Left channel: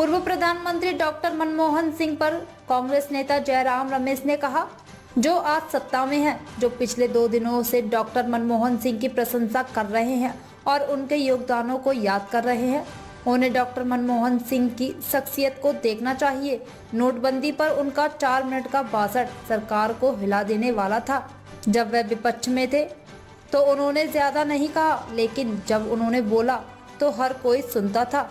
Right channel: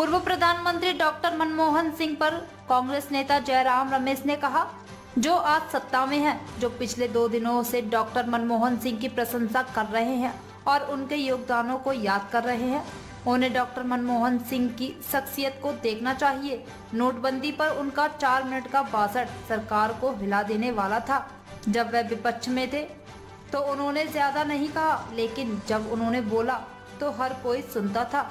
पूर्व प्रधानमंत्री डॉक्टर मनमोहन सिंह पर कांग्रेस नेता जयराम रमेश ने कहा, जो आज सत्ता में हैं, जो पिछले 2 दिनों से डॉक्टर मनमोहन सिंह की प्रशंसा कर रहे हैं और उनके योगदानों को याद कर रहे हैं, उन्हें डॉक्टर मनमोहन सिंह की शख्सियत को देखना चाहिए। नोटबंदी पर उनका 4 मिनट का भाषण सरकार को हिला देने वाला था। जब वह विपक्ष में थे तो उन्होंने ज्यादा नहीं कहा, लेकिन जब उन्होंने बोला तो हर कोई सुनता था।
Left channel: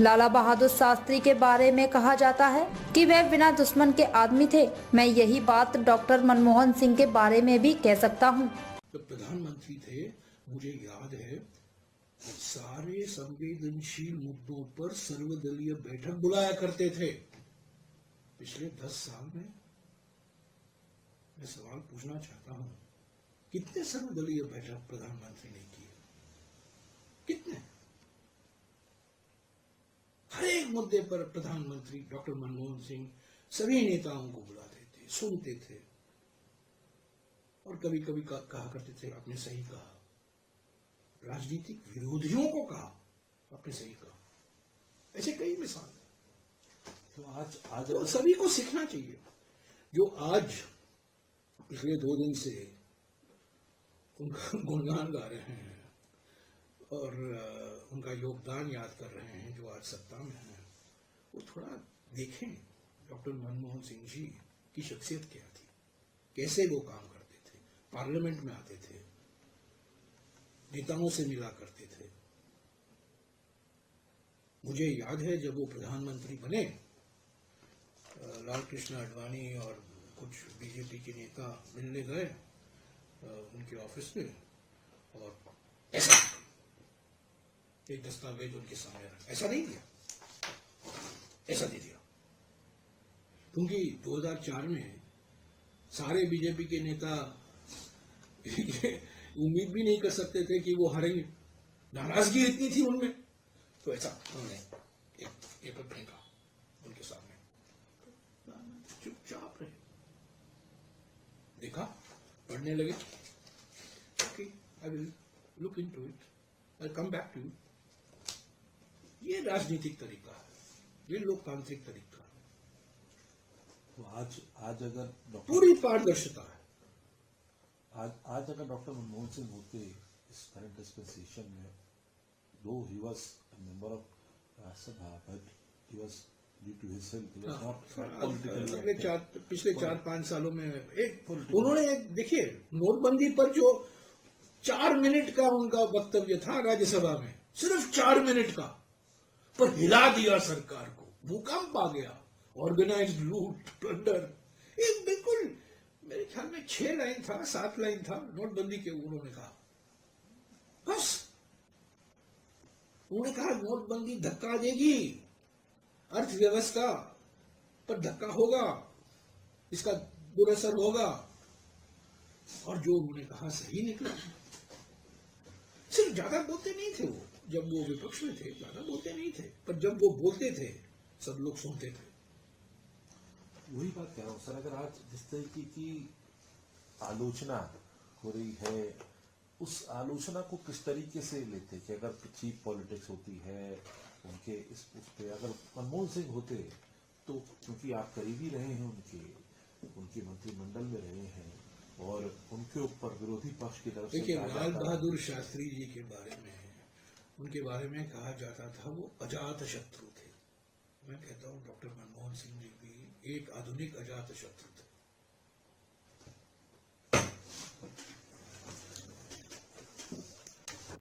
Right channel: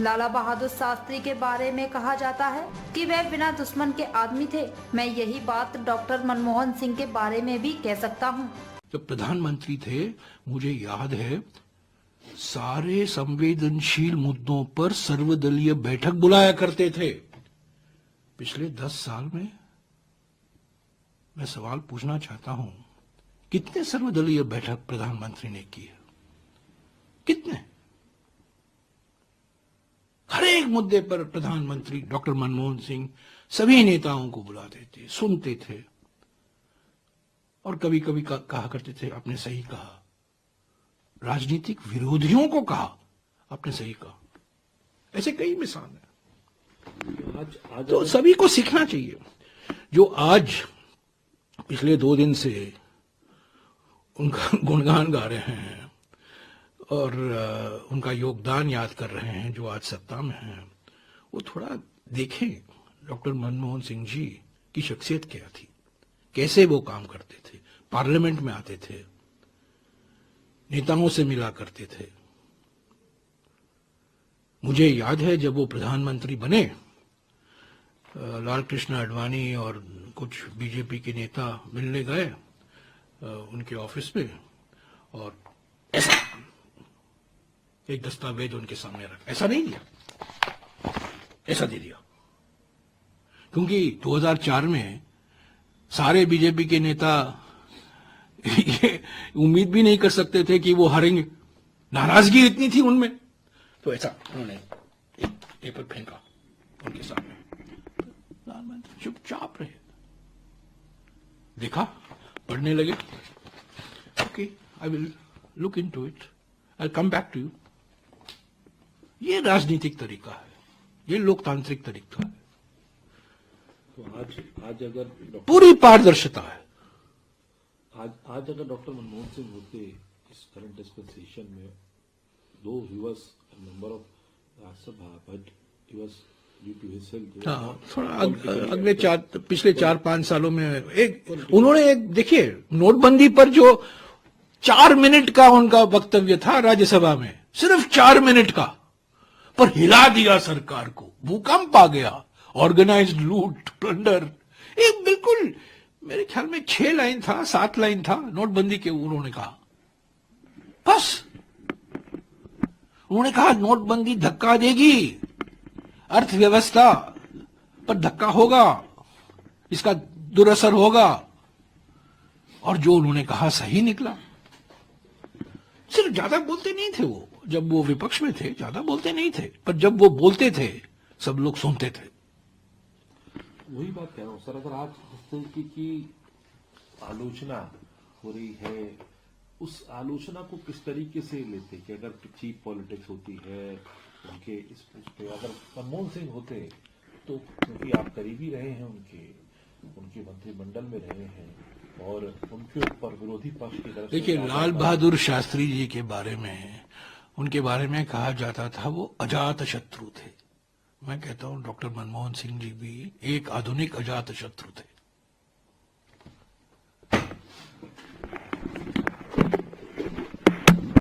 लाला बहादुर शास्त्री के बारे में कहा जाता है कि वह बिना दुश्मन के आदमी थे। मैं यही बात डॉक्टर मनमोहन सिंह के बारे में भी कह सकता हूँ। जब प्रधानमंत्री थे, मुझे याद है, सारे संवेदनशील मुद्दों पर सर्वदलीय बैठक बुलाया करते थे। पिछले 10 साल में मैं सवाल पूछना चाहता हूं, कितने सर्वदलीय बैठक प्रधानमंत्री ने की है? कितने? हर एक मुद्दे पर प्रधानमंत्री डॉक्टर मनमोहन सिंह सभी नेताओं को बुलाते थे, सुनते थे और कभी कभी कहा करते थे, आपने सही कहा। राजनीतिक विरोधियों को कहा, आपने सही कहा। ऐसे कई मिसाल है। आज तो सभी को सीखना चाहिए। जो आज पिछले 2 दिन से उनका गुणगान गा रहे हैं और उनका योगदान याद कर रहे हैं, जो आज सत्ता में हैं, वो थोड़ा देखें डॉक्टर मनमोहन सिंह जी की शख्सियत क्या थी, कैसे वो काम करते थे। पार्लियामेंट में आते थे, नेताओं से मिला करते थे। मुझे याद है जब वो प्रधानमंत्री बने, लाल कृष्ण आडवाणी और कुछ बीजेपी के नेता मिलने गए उनके ऑफिस में और ऐसा एक दस्तावेज उनके सामने रखा। ऐसा नहीं दिया, ऐसा दे दिया, क्योंकि 2004 में सारे बीजेपी के नेता ये उम्मीद भी नहीं कर सकते थे कि वो हारेंगे। नाराजगी इतनी थी उनमें, तो ऐसा उन्होंने एक पेपर फेंका उनके सामने। प्रधानमंत्री चुपचाप रहे, देखा, पढ़ने लगे। Okay, I will look into it, I come back to you. ये राजनीतिक तरीका है, ये लोकतांत्रिक तरीका है। तो आज अगर पूरी पारदर्शिता है। आज अगर डॉक्टर मनमोहन सिंह होते इस करंट डिस्पेंसेशन में, though he was a member of Rajya Sabha, but he was due to his health, थोड़ा अगले पिछले 4-5 सालों में उन्होंने देखिए, नोटबंदी पर जो 4 मिनट का उनका वक्तव्य था राज्यसभा में, सिर्फ 4 मिनट का, पर हिला दिया सरकार को। भूकंप आ गया, ऑर्गेनाइज्ड लूट, प्लंडर। एक बिल्कुल मेरे ख्याल में 6 लाइन था, 7 लाइन था नोटबंदी के। उन्होंने कहा, बस उन्होंने कहा नोटबंदी धक्का देगी, अर्थव्यवस्था पर धक्का होगा, इसका दुरअसर होगा। और जो उन्होंने कहा सही निकला। सिर्फ ज्यादा बोलते नहीं थे वो, जब वो विपक्ष में थे ज्यादा बोलते नहीं थे, पर जब वो बोलते थे सब लोग सुनते थे। वही बात कह रहा हूँ सर, अगर आज जिस तरीके की आलोचना हो रही है, उस आलोचना को किस तरीके से लेते कि अगर चीप पॉलिटिक्स होती है उनके इस पे, अगर मनमोहन सिंह होते तो, क्योंकि आप करीबी रहे हैं उनके मंत्रिमंडल में रहे हैं और उनके ऊपर विरोधी पक्ष की तरफ, देखिए, लाल बहादुर शास्त्री जी के बारे में, उनके बारे में कहा जाता था वो अजात शत्रु थे। मैं कहता हूं डॉक्टर मनमोहन सिंह जी भी एक आधुनिक अजात शत्रु थे।